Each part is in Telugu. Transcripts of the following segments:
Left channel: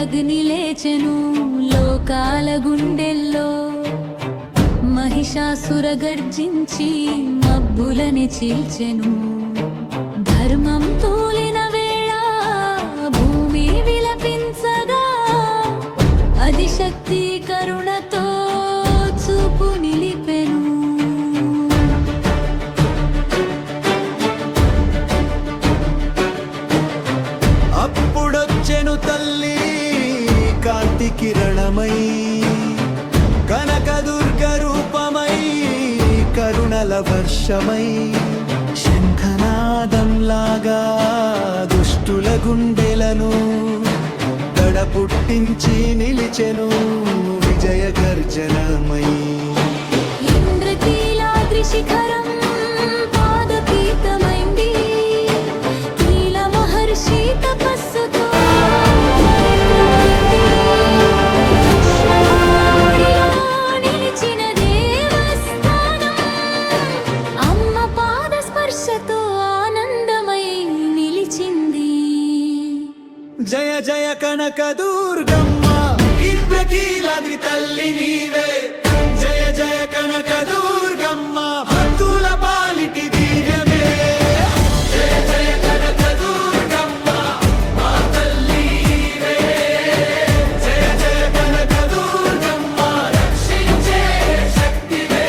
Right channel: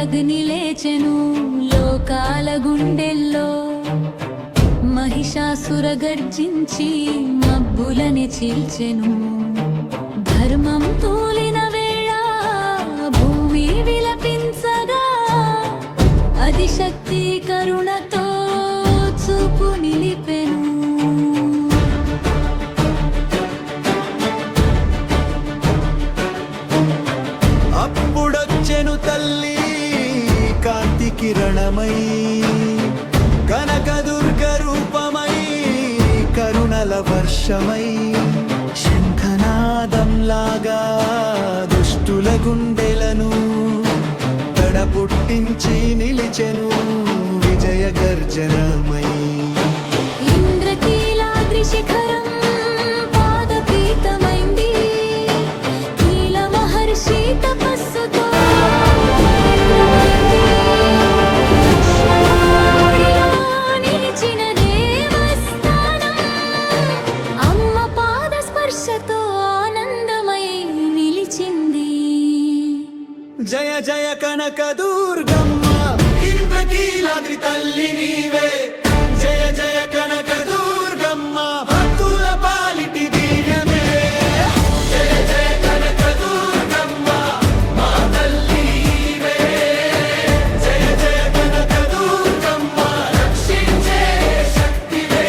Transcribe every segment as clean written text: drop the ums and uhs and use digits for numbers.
అగ్ని లేచెను లోకాల గుండెల్లో, మహిషాసుర గర్జించి మబ్బులని చీల్చెను. ధర్మం తూలిన వేళ భూమి విలపించగా, ఆదిశక్తి కరుణతో చూపు నిలిపెను. అప్పుడొచ్చెను తల్లి కాంతి కిరణమై, కనకదుర్గ రూపమై కరుణల వర్షమై, శంఖనాదంలాగా దుష్టుల గుండెలను దడ పుట్టించి నిలిచెను విజయ గర్జనమై. ఇంద్రకీలాద్రి శిఖరం పాదపీతమైంది, కీల మహర్షి తపస్సుతో నిలిచిన దేవస్థానం, అమ్మ పాద స్పర్శతో ఆనందమై నిలిచింది. జయ జయ కనక దుర్గమ్మ, ఇంద్రకీలాద్రి తల్లి నీవే. జయ జయ కనక దుర్గమ్మ, భక్తుల పాలిటి దివ్యమే. జయ జయ కనక దుర్గమ్మ, మా తల్లి నీవే. జయ జయ కనక దుర్గమ్మ, రక్షించే శక్తివే.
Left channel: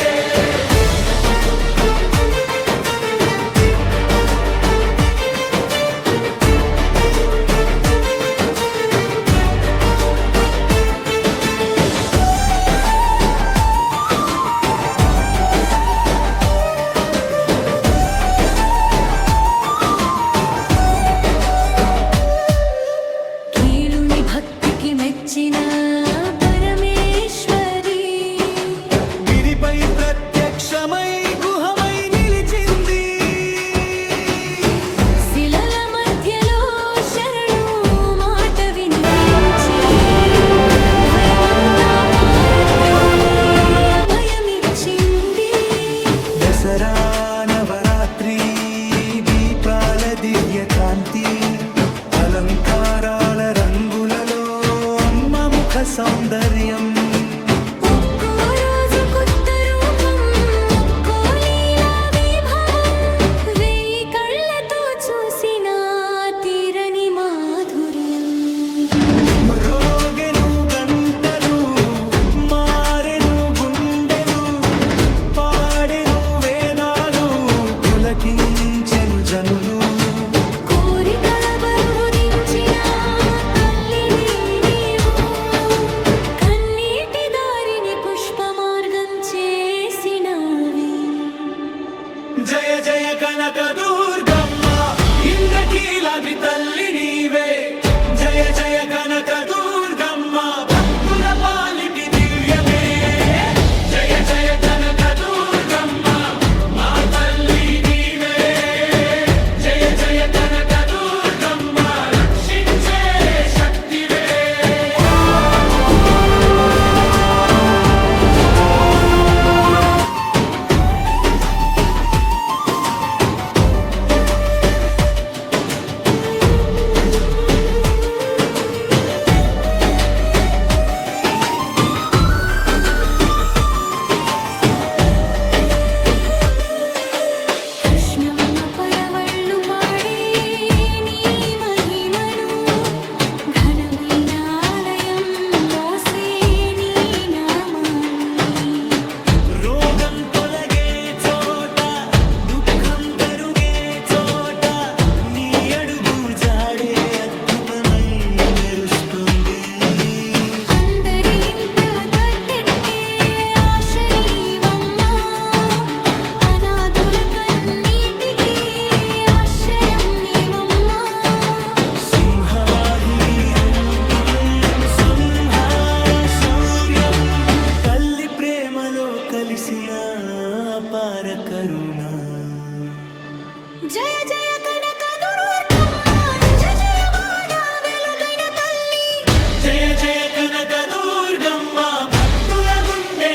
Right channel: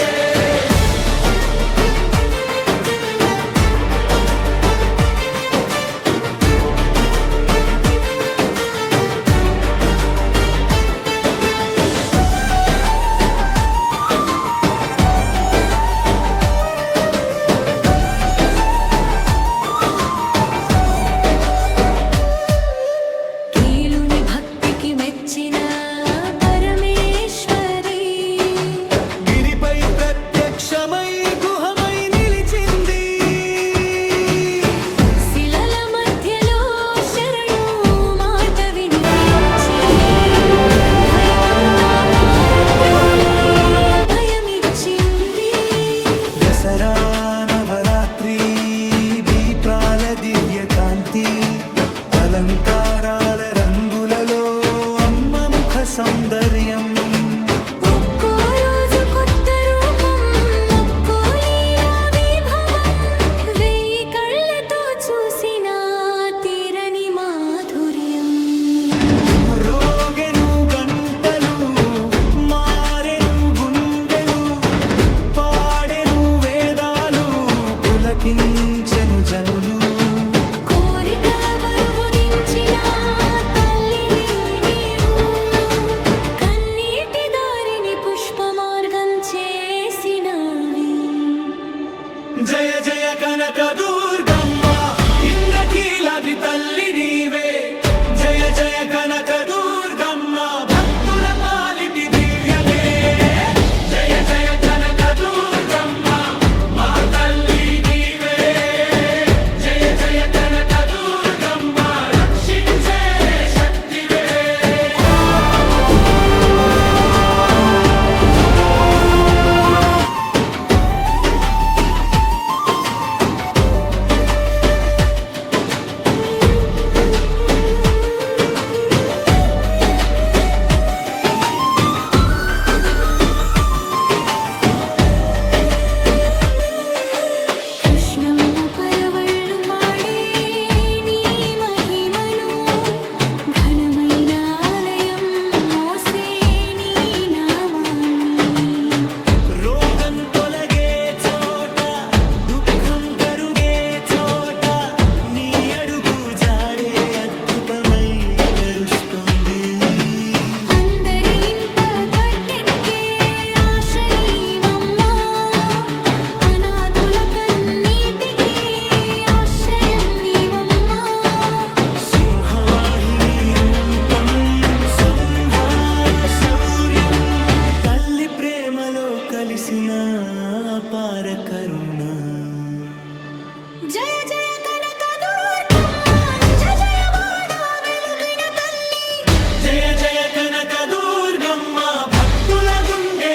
మెచ్చిన పరమేశ్వరి, గిరిపై ప్రత్యక్షమై గుహమై నిలిచింది. శిలల మధ్యలో శరణు మాట వినిపించి భయమిచ్చింది. దసరా నవరాత్రి దీపాల దివ్య కాంతి, అలంకారాల రంగులలో అమ్మ ముఖ సౌందర్యం. ఒక్కో రోజు కొత్త రూపం, ఒక్కో లీలా విభవం, వేయి కళ్ళతో చూసిన తీరని మాధుర్యం. మ్రోగెను గంటలు, మారెను గుండెలు, పాడెను వేదాలు, పులకించెను జనులు. కోరికల బరువు దించిన తల్లివి నీవు, కన్నీటి దారిని పుష్పమార్గం చేసినవి. జయ జయ కనక దుర్గమ్మ, ఇంద్రకీలాద్రి తల్లి నీవే. జయ జయ కనక దుర్గమ్మ, భక్తుల పాలిటి దివ్యమే. జయ జయ కనక దుర్గమ్మ, మా తల్లి నీవే. జయ జయ కనక దుర్గమ్మ, రక్షించే శక్తివే. కృష్ణమ్మ పరవళ్ళు పాడే నీ మహిమను, ఘనమైన ఆలయం మోసే నీ నామాన్ని. రోగం తొలగే చోట, దుఃఖం కరుగే చోట, నీ అడుగు జాడే అద్భుతమై మెరుస్తుంది. అందరి ఇంట గట్టెక్కే ఆశ నీవమ్మా, అనాథుల కన్నీటికి ఆశ్రయం నీవమ్మా. సింహవాహిని రూపం, సంహార శౌర్యం, తల్లి ప్రేమలో కలిసిన అపార కరుణ. జయ జయ కనక దుర్గమ్మ, జయ జయ వాడ వెలుగైన తల్లి. జయ జయ కనక దుర్గమ్మ, భక్తుల గుండె